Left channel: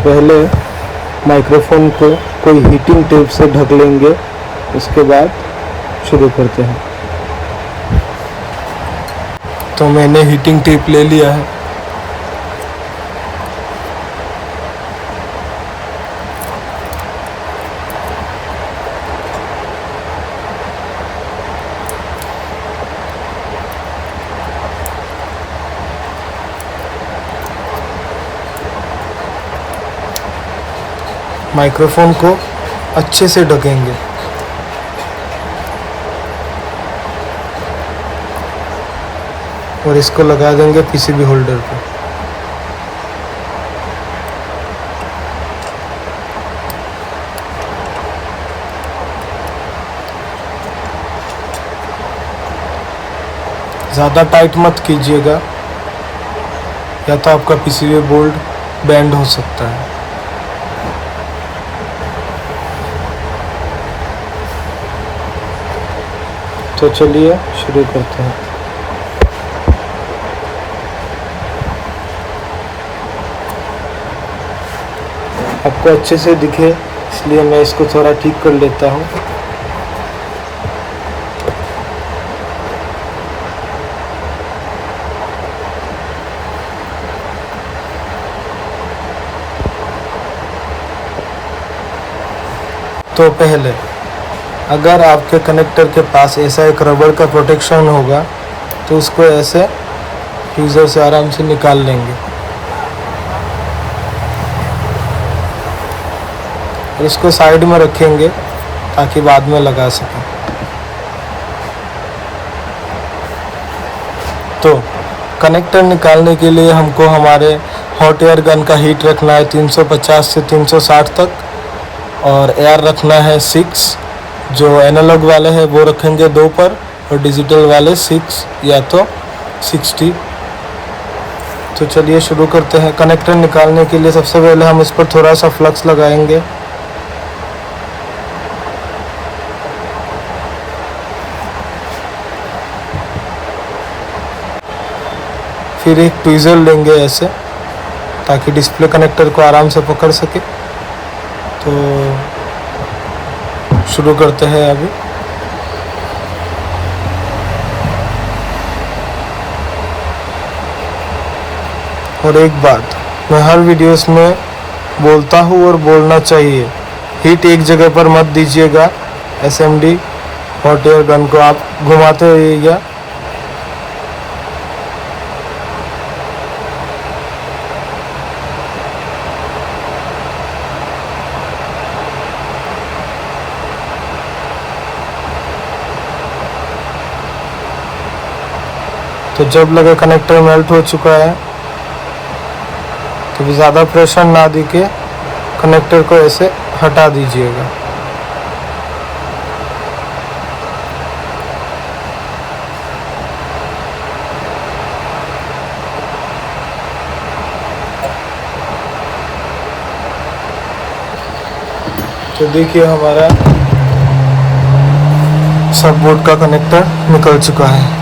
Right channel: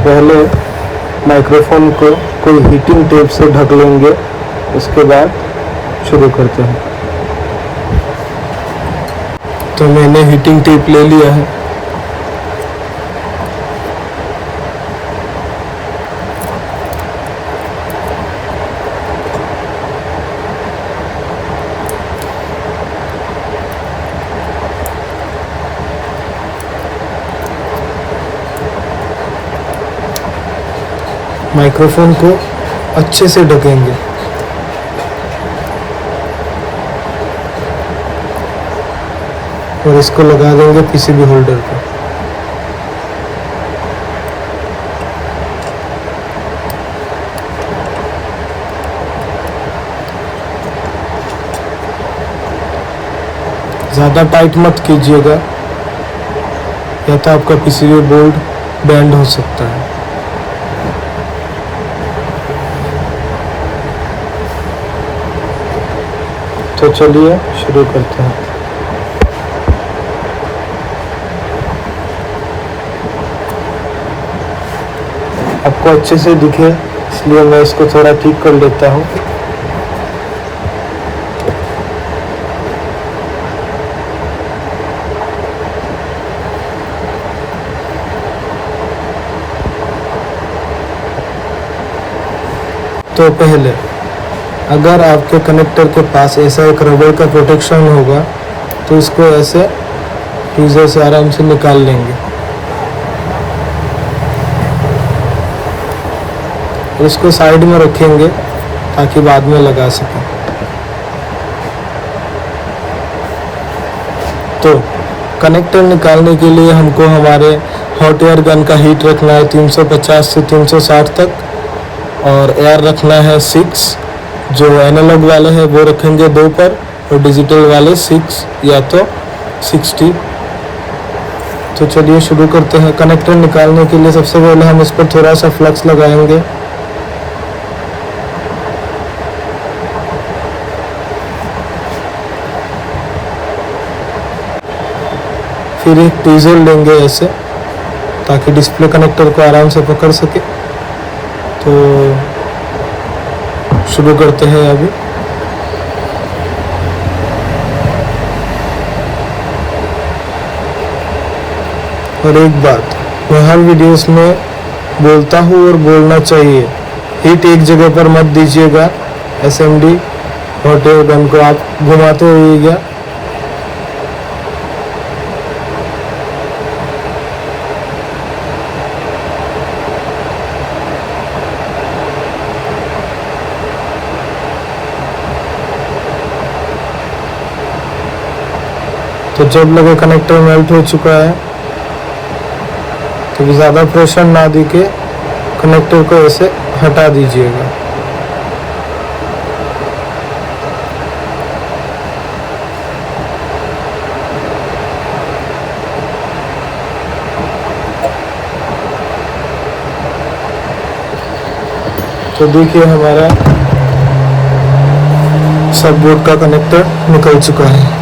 पहले माइक्रोफोन को कोई हीटिंग टेप से ढक लेंगे, उसके बाद शुरू करते हैं। तो मैंने हीटिंग टेप ले लिया है। माइक्रोफोन को अच्छे से ढकेंगे। और इसको लगा देंगे पीसीबी होल्डर पे। ज़्यादा टाइट मत कीजिएगा, या तो आपका पीसीबी बोर्ड बैंड हो सकता है। तो चलिए शुरू करते हैं। आपको अच्छे से दिखे इसलिए मैं इसको थोड़ा ठीक कर लेता हूँ। तो पहले अगर आपके कनेक्टर के पास ऐसा एक रबर का प्रोटेक्शन होगा तो इसको ऐसे फ्रीजर से आराम से निकाल लेंगे। इसको साइड में रखेंगे ताकि बाद में लगा सकें। तो कनेक्टर निकालने के लिए हमको हमारे हॉट एयर गन का हीट रखना है 350 से 360 तक, और एयर रखना है 6। जो एनालॉग वाले हैं वो रखेंगे 2 पर, और डिजिटल वाले 6 या तो 60। तो चलिए शुरू करते हैं। कनेक्टर निकालने के लिए सबसे पहले हम इस पर थोड़ा सा फ्लक्स लगाएंगे। फिर एक ट्वीज़र लेंगे ऐसे, ताकि डिस्प्ले कनेक्टर को आराम से पकड़ सके। तो शुरू करते हैं अभी। और एक बात मैं हर वीडियोस में बोलता हूँ और बोलना चाहिए, हीट एक जगह पर मत दीजिएगा। एसएमडी हॉट एयर गन को आप घुमाते रहिएगा। तो जब लगे कनेक्टर मेल्ट हो चुका है, तो ज़्यादा प्रेशर ना दी के कनेक्टर को ऐसे हटा दीजिएगा। तो देखिए हमारा सब बोर्ड का कनेक्टर निकल चुका है।